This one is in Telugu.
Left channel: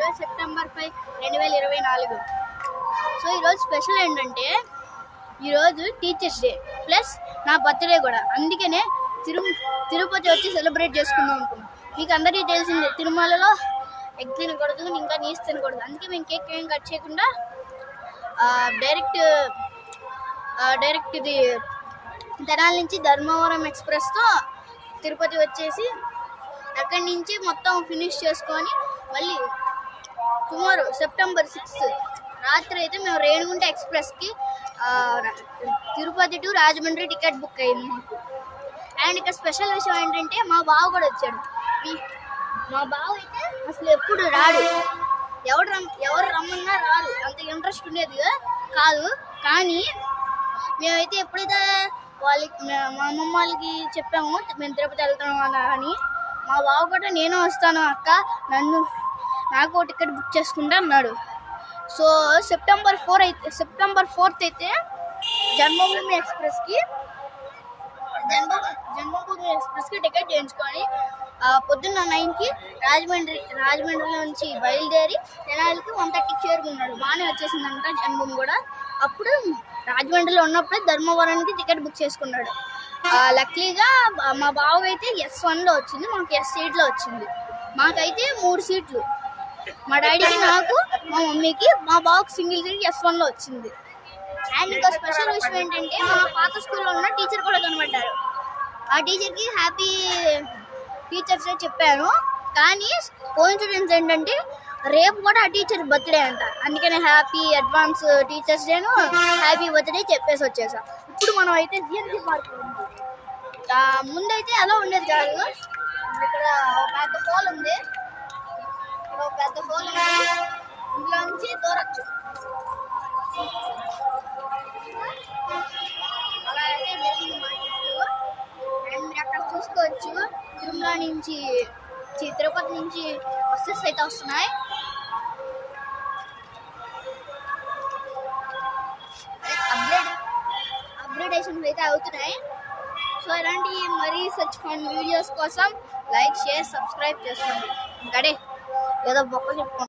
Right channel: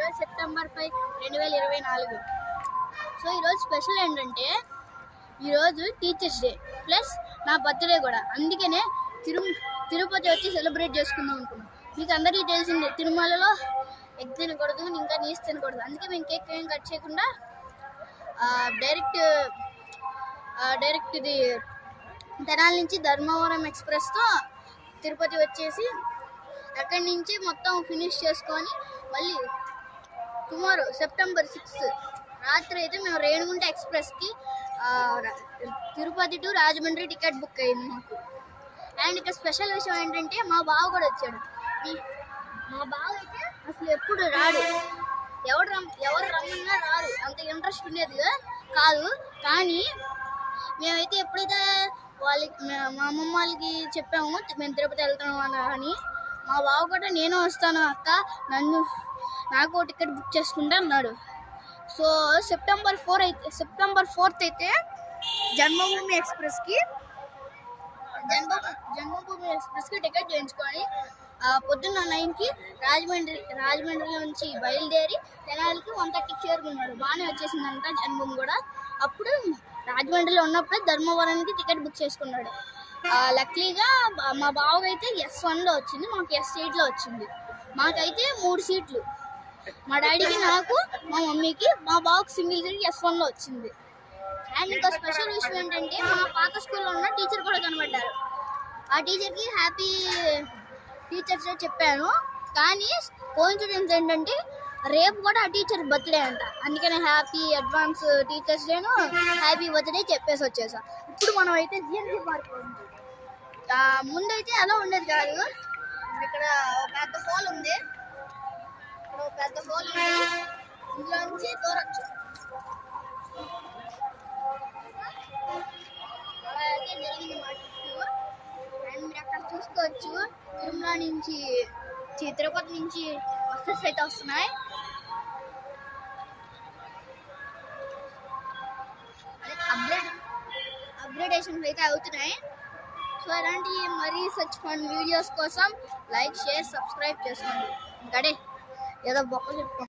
ఈరోజు సెప్టెంబర్ 5, 2024. సో ఈరోజు స్పెషల్ ఏంటంటే ఈరోజు టీచర్స్ డే ప్లస్ నా బర్త్డే కూడా. అందుకనే తిరుపతి వచ్చి సెలబ్రేట్ చేసుకుందాం అనుకున్నాం. మీకు అందరికీ తెలిసిందే తిరుమలలో ఎగ్ తినకూడదు, ఇంకా నీసు తినకూడదు. అందుకే మేము కేక్ ఏం కట్ చేయకుండా డైరెక్ట్ ఇది తెనాలి నుంచి ధర్మవరం ఎక్స్ప్రెస్తో తిరుపతి వచ్చేసి అక్కడి నుంచి మొత్తం ఫినిష్ చేసుకొని మళ్ళీ టుమారో సెప్టెంబర్ 6 రాత్రి అయితే మేము రేణిగుంట ఎక్స్ప్రెస్కి Tirupati to Rajahmundry ticket book అయింది మాకు. అండ్ ఇక స్పెషల్ విషయం ఏంటంటే మా బావ కూడా వచ్చాడు. మా బావ అయితే అసలు ఎప్పుడు రాడు, ఎవరు రమ్మన్నా రాడు, అంత ఇంట్రెస్ట్ ఉండేది కాదు. కానీ మేమైతే ఎప్పుడైతే మా అమ్మమ్మ వాళ్ళకి చెప్పాము మేము తిరుపతి వెళ్తాము అని, మా బావ కూడా నేను వస్తాను అక్క, నాకు టికెట్ బుక్ చేసుకుంటా అన్నాడు. సో సెప్టెంబర్ 4th అయితే జన్మభూమి ఎక్స్ప్రెస్కి టికెట్ చేయించుకొని పొద్దున్న 9కి రాజమండ్రి నుంచి బయలుదేరి తెనాలికి 1:30కి చేరుకున్నాడు. బాగానే వచ్చేసిందంట జన్మభూమి కూడా. అప్పుడు రాజమండ్రిలో ఉన్నప్పుడే ధర్మవరానికి టికెట్ బుక్ చేసుకున్నాడు. లక్కీగా మా బావకి అయితే S1లో వచ్చింది, మాకు S8లో వచ్చింది. మాకైతే 3 సీట్లు, మా డాడీకి, నాకు, మా మమ్మీకి. మా బావకి సింగిల్ సీట్ S1లో వచ్చింది. అండ్ ఇంకో స్పెషల్ విషయం ఏంటంటే మా పాత స్కూల్లో ఉన్న టీచర్ కూడా కనబడ్డారు. ఆ టీచర్కి హ్యాపీ టీచర్స్ డే చెప్పాను. కానీ కోఇన్సిడెన్స్ ఏంటంటే రేపు కూడా ఆ టీచర్ బర్త్డే అంట. అందుకనే హ్యాపీ అడ్వాన్స్ టీచర్స్ డేను హ్యాపీ బర్త్డే చెప్పేసి వచ్చేసా. ఇప్పుడు మనం అయితే జిఎంసీ పార్క్ ముందైతే అలా ఉండేది కాదు. ఇక్కడ పెద్ద హోల్ ఉంది, ఇందులో నుంచి దూరచ్చు. అలా అయితే జరిగింది మా ట్రిప్. అండ్ మీరు అక్కడ చూసుకోవచ్చు తిరుమల నుంచి తిరుపతి నుంచి బస్సెస్ అయితే వస్తున్నాయి. అప్గ్రేడేషన్స్ అయితే అవుతున్నాయి. సో ఇలాంటి మరీ సచ్ ఫన్ వీడియోస్ కోసం లైక్, షేర్, సబ్స్క్రైబ్ చేసుకోండి. గడే ఏదో బొక్క చెప్పుకోండి.